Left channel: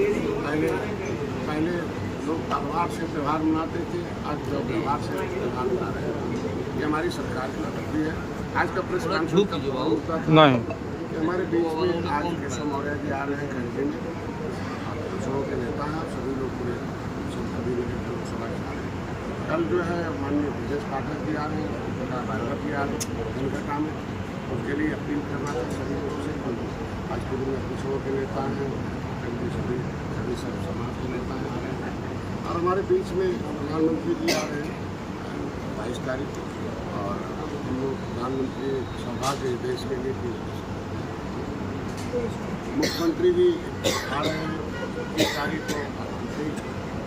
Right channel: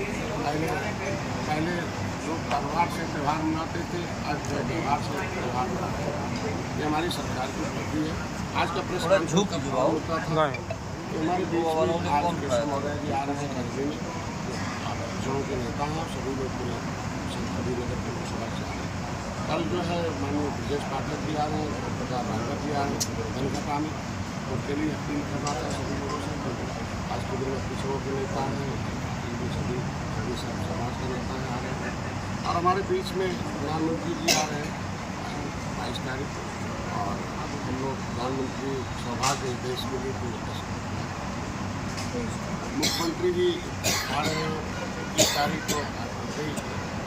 पहले लोग त्यौहार से त्यौहार मनाते थे, आज व्यवहार से त्यौहार मना रहे हैं। ये हमारी सरकार की उपलब्धि है। आज का प्रेस कॉन्फ्रेंस होता था कि हमारे बीच में आज कृष्ण मौर्य जी आ रहे हैं खरीदे में, अक्षरों के नेता हैं, सभी लोग पूरे सभी नगर के लोकसभा से आ रहे हैं। कल जो है माननीय ब्रजेश पाठक जी आ रहे हैं, ओमप्रकाश राजभर जी आ रहे हैं धनघटा में, उसके लिए अपील करना था सभी लोगों से कि आज के दिन में पिछड़ों के नेता हैं, सभी समाज के नेता आ रहे हैं और हमारे बीच में प्रधानमंत्री जी आ रहे हैं 22 तारीख को, और हम लोग प्रधानमंत्री सौभाग्य देश के लिए भी मुख्यमंत्री जी आ रहे हैं 21 तारीख को,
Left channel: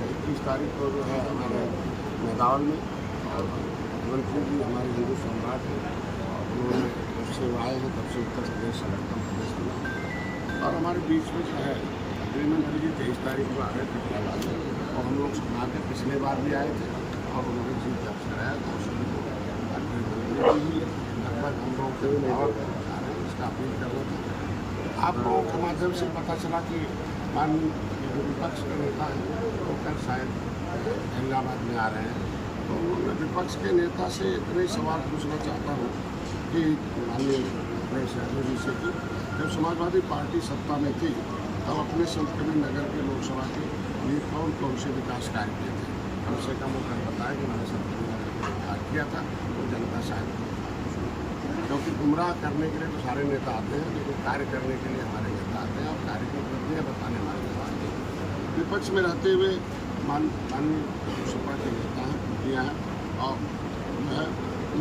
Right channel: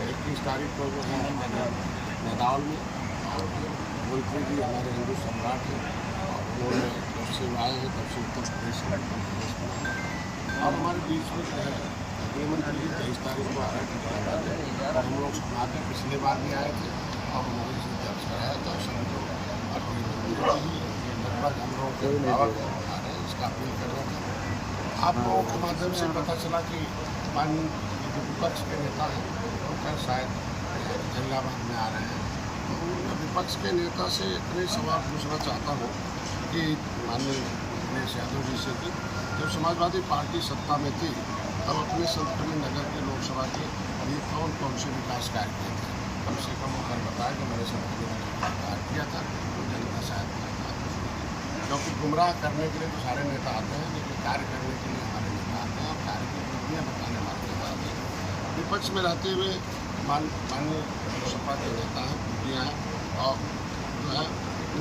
21 तारीख को जो है हमारे मैदान में, और मुख्यमंत्री जी हमारे हिंदू सम्राट हैं और उन्होंने जब से आए हैं तब से उत्तर प्रदेश इलेक्ट्रॉन प्रदेश बना है। और हमारे बीच में जो है गृहमंत्री जी 23 तारीख को आ रहे थे फैसलाबाद में, और हम लोग समाज में पिछले बार भी आए थे और उन्होंने जीत दर्ज कराया था। सभी लोग गृहमंत्री जी लगभग हम लोगों के अभिभावक बता रहे हैं, इसका अपील कर रहा था। आप लोगों के माध्यम से पता चला कि माननीय जो विपक्ष के नेता हैं वो कल शायद इलाहाबाद में आ रहे हैं, तो मैं विपक्ष के नेता से इतने सवाल पूछना चाहता हूँ कि माननीय अखिलेश यादव जी से कि जब समाजवादी पार्टी सत्ता में थी तब अपने संत कबीर नगर के लोकसभा के लिए कौन कौन से विकास कार्य किए थे, कम से कम वो कल बताया कि मैंने संत कबीर नगर के लिए कार्य किया था, तो जनता शायद क्योंकि गुमराह करने के लिए तो सारे नेता आते हैं, लेकिन कार्य करने के लिए हमारे नेता आते हैं और कार्य की उपलब्धियाँ बताने हमारे नेता आते हैं। विपक्ष में रहते हुए माननीय सपा के नेता हैं, पुतियाँ हैं, और जो है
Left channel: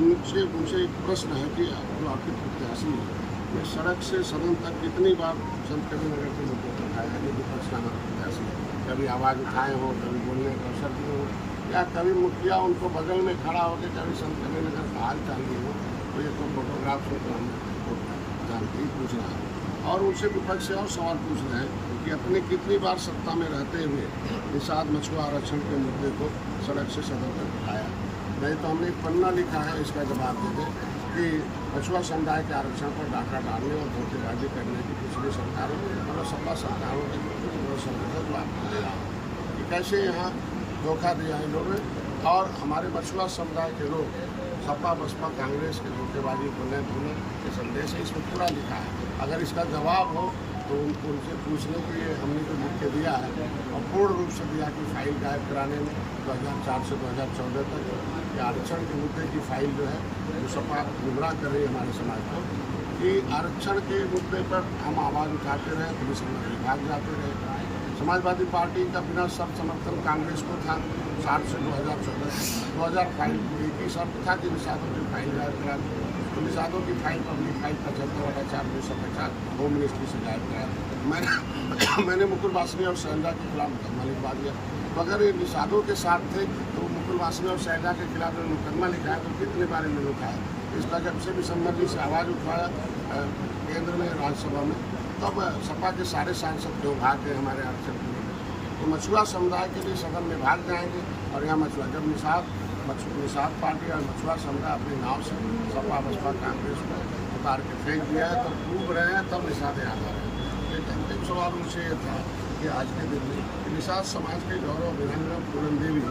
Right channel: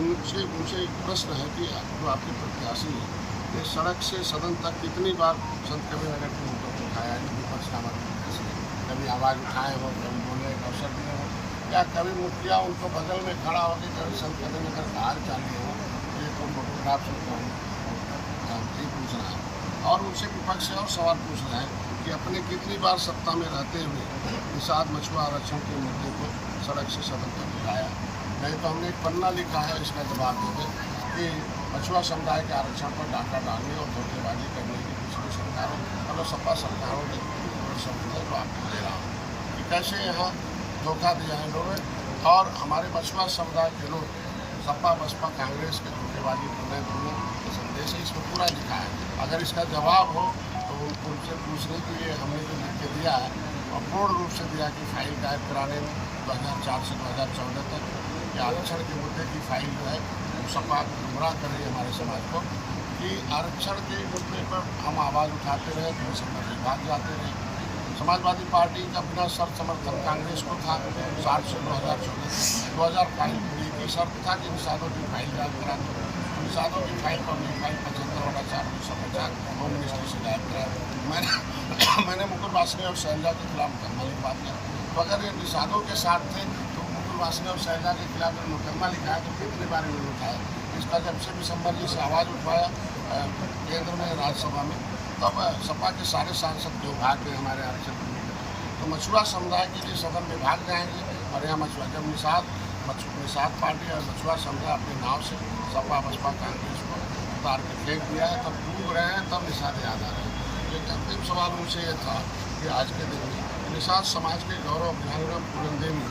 उनसे एक प्रश्न है कि जो आपके प्रत्याशी है ये सड़क से सदन तक कितनी बार संत कबीर नगर के मुद्दों को उठाया है, जो विपक्ष का हमारा प्रत्याशी है, कभी आवाज़ उठाए हो, कभी बोलने का अवसर दिए हो, या कभी मुखिया उनको बगल में खड़ा होकर कभी संत कबीर नगर का हाल चाल लिए हो, तो ये तो फोटोग्राफ से तो हम जानते ही पूछ रहा है। और उनसे विपक्ष से और सवाल पूछ रहे हैं कि अपने कितनी बार सत्ता में रहते हुए निषाद मछुआ आरक्षण के मुद्दे को सड़क से सदन तक उठाया, नहीं तो हमने एक पन्ना लिखा है इसका जवाब दे दें कि मछुआ समुदाय के आरक्षण पर डाका डालने और धोखेबाजी करने की पिछली सरकारों मतलब सपा सरकारों के शब्द है जो आपको दे रहा हूँ कि कैसे यहाँ धोखा दिया है लोगों ने, और हमारे मछुआ समुदाय के लोग सपा बसपा कांग्रेस के धोखेबाजी को नहीं भूलें, ये संदेश है, इसमें पूरा लिखा है। अगर इसका जवाब हो तो उनसे पूछने के लिए हमने जो लिख के दिया है और पूर्ण रूप से दिया कि फाइल गायब कराने में 2004 से 2014 तक ये आरक्षण के मुद्दे की फाइल जो है वो सपा गुमराह कर रही है हमारे समाज को कि आरक्षण के मुद्दे पर हम आवाज़ उठाते रहे, पुलिस विभाग जाते रहे। समाजवादी पार्टी का बिना शर्त समर्थन कांग्रेस को था 60 से 2014 2000 फाइल एक ही शर्त था कि निषादों की फाइल गायब करा दो, तो निषादों की file public file 75/4/1950 home ministry से गायब कराया। मैंने मुकुल वासनिक और शैलजा के खिलाफ मुकदमा लिखवा दिया। तो अगर ये निषादों के साथ थे तो मुकुल वासनिक और शैलजा के खिलाफ मुकदमा लिखा है तो कितनी बार इन्होंने उठाया। इसका जब से दिसंबर जी से आवाज़ उठवाया केंद्र में राज्यसभा में, तब सपा के सारे सांसद क्यों भाग गए हमारे आरक्षण को लेकर। तो मछुआ समुदाय के लिए सदन में भाग जाएंगे और यहाँ मछुआ जब निषाद पार्टी और मछुआ समुदाय अपने नाव से सपा बसपा कांग्रेस को उतार के फेंक दिया है, तब डूब रहे हैं, तब निषाद याद आ रहे हैं। एक अंतिम सवाल उनसे ये था कि आज के दिन में निषाद समाज के गौरव वीरांगना पूनम देवी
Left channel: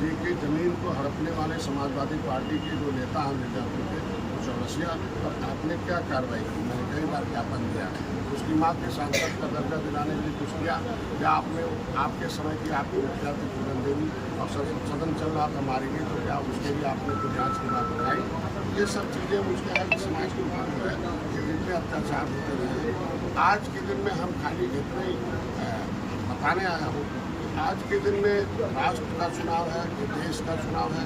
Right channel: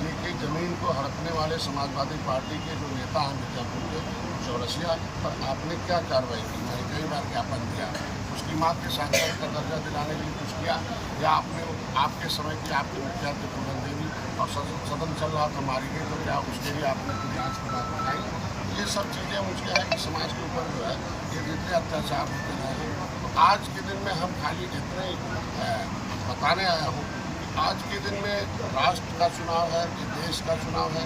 जी की ज़मीन को हड़पने वाले समाजवादी पार्टी के जो नेता हैं मिर्जापुर के चौरसिया पर आपने क्या कार्रवाई की? मैंने कई बार ज्ञापन दिया, उसकी माँ के सांसद का दर्जा दिलाने के लिए कुछ किया, या आपने आपके समय की आपकी मुखिया थी पूनम देवी और सदन चल रहा था मारी गई, तो क्या उसके लिए आपने कुछ जाँच की बात उठाई? ये सब चीज़ें मुझे है कि समाज के ऊपर जो है ये जितने अत्याचार होते रहे हैं, तो आज के दिन में हम खाली इतने बताने आया हूँ कि आज के दिन में राष्ट्र का चुनाव है, ये देश का चुनाव है,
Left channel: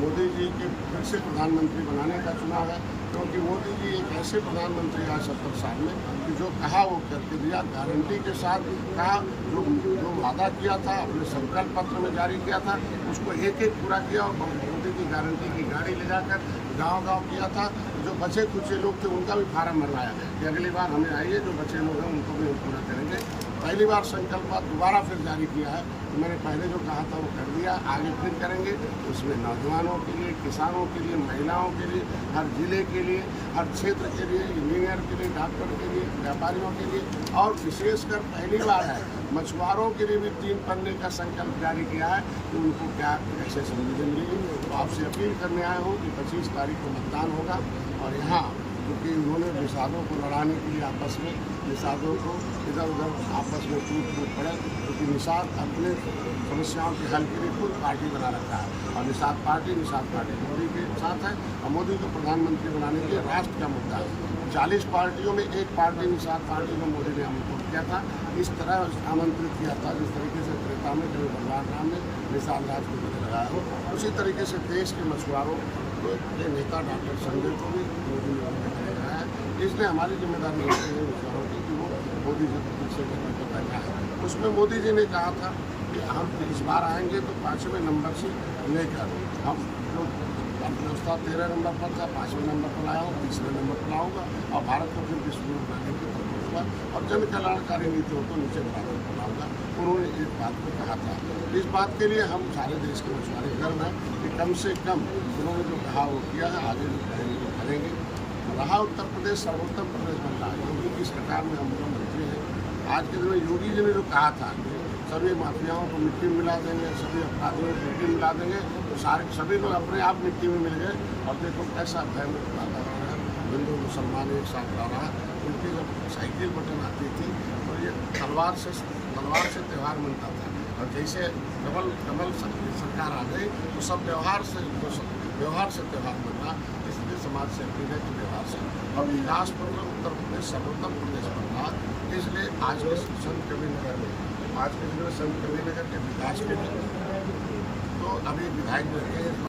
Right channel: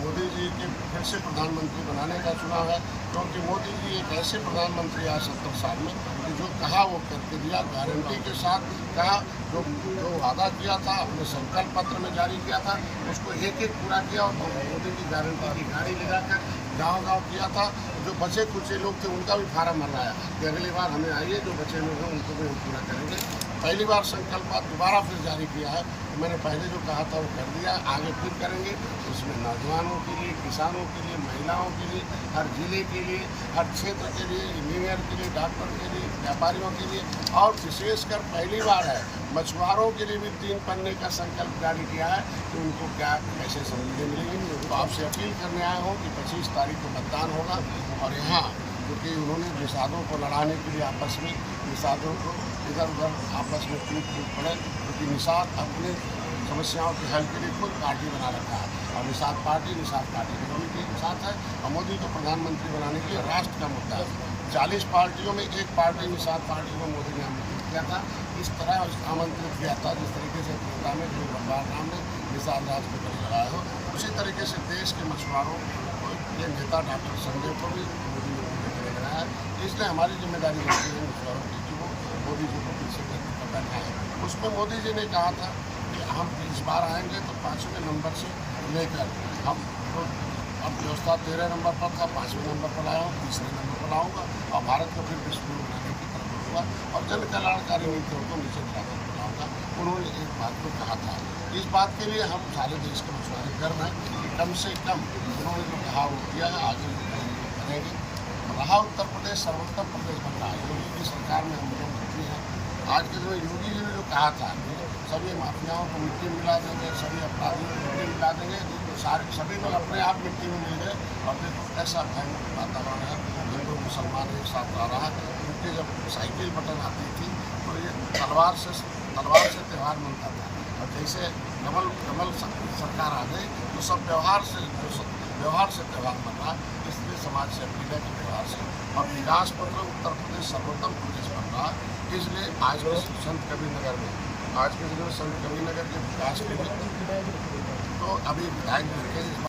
मोदी जी के फिर से प्रधानमंत्री बनाने का चुनाव है, क्योंकि मोदी जी एक ऐसे प्रधानमंत्री आए 70 साल में कि जो कहा वो करके दिया, गारंटी के साथ कहा, जो वादा किया था अपने संकल्प पत्र में जारी किया था उसको एक एक पूरा किया, और मोदी की गारंटी की गाड़ी लगाकर गांव-गांव किया था। जो बचे कुचे लोग थे उनका भी फार्म भरवाया कि अगली बार हमें आइए, जो बचे लोग हैं उनको भी हम पूरा करेंगे। पहली बार संकल्प दोबारा फिर जारी किया है कि मैंने पहले जो कहा था वो कर दिया, आगे फिर करेंगे। उसमें नौजवानों के लिए, किसानों के लिए, महिलाओं के लिए, हर जिले के लिए, हर क्षेत्र के लिए, इंजीनियर के लिए, डॉक्टर के लिए, व्यापारियों के लिए, और विशेषकर पहली बार है मछुआरों के लिए भी 3 पन्ने का संकल्प जारी किया है कि उनको क्या कैसे सुविधा मिलेगी। तो आपसे अपील करने आए हूँ कि 25 तारीख को मतदान होगा, और यहाँ क्योंकि उन्होंने निषादों को लड़ाने के लिए आपस में निषादों को इधर उधर आपस में टूट पड़े, क्योंकि निषाद अपने समस्याओं के हल के लिए खुद पार्टी बना रखा है, और निषाद पार्टी मोदी के साथ है, और मोदी को प्रधानमंत्री बनाने के लिए राष्ट्र का मुद्दा है। 40 पार्टियों में एक पार्टी निषाद पार्टी को मोदी ने आमंत्रित किया था, इस तरह आमंत्रित किया था जिस तरीके से त्रेता में कभी भगवान राम ने निषाद राज को गले लगाया हो, उसी तरीके से देश के मछुआरों के नेता डॉक्टर संजय को भी मोदी ने गले लगाया है। इसलिए हमारी जिम्मेदारी बनती है मछुआरों की कि वो मोदी जी को फिर से करने पर बैठा है। उसमें मोदी जी ने कहा था कि हम इस बार आएंगे तो 5वें नंबर से लेकर हम तो अब व्यवस्था 13 नंबर पर था, 5वें नंबर पर आया हूँ, 3रे नंबर पर आऊँगा, और भारत को फिर विश्व गुरु बनाने की तरफ बढ़ूँगा, और जन कल्याणकारी नीतियों को नीचे धरातल पर लाऊँगा। उन्होंने एक बात को कहा था। इस बात के लिए हम सारे देश के मछुआरे गर्व हैं कि कम से कम उन्होंने जो कहा वो किया है, आगे जो करेंगे वो करेंगे। रहा उत्तर प्रदेश सर्वोत्तम प्रदेश बन रहा है, योगी की सरकार में हम लोग मंत्री हैं। आज के दिन में योगी जी ने जो कहा था सभी माफियाओं को मिट्टी में मिला देंगे, सभी अपराधियों को मिट्टी में मिला देंगे, तो सभी लोग अपने आप मिट्टी में मिल गए। और देखो कैसा भयमुक्त वातावरण है, हिंदू मुसलमान एक साथ रह रहा। उनके जब साइकिल बटन आती थी तो ये तलवार से त्यौहार मनता था, और जैसे कमल सरकार आ गई तो सब व्यवहार से त्यौहार मन रहा। इसलिए समाज से अपील है कि व्यवहार से, और विकास पत्र उत्तर प्रदेश सर्वोत्तम प्रदेश बन रहा। इसलिए आज के संत कबीरनगर में संत कबीरनगर के विकास के लिए तो अभी विधायक जो रखे हैं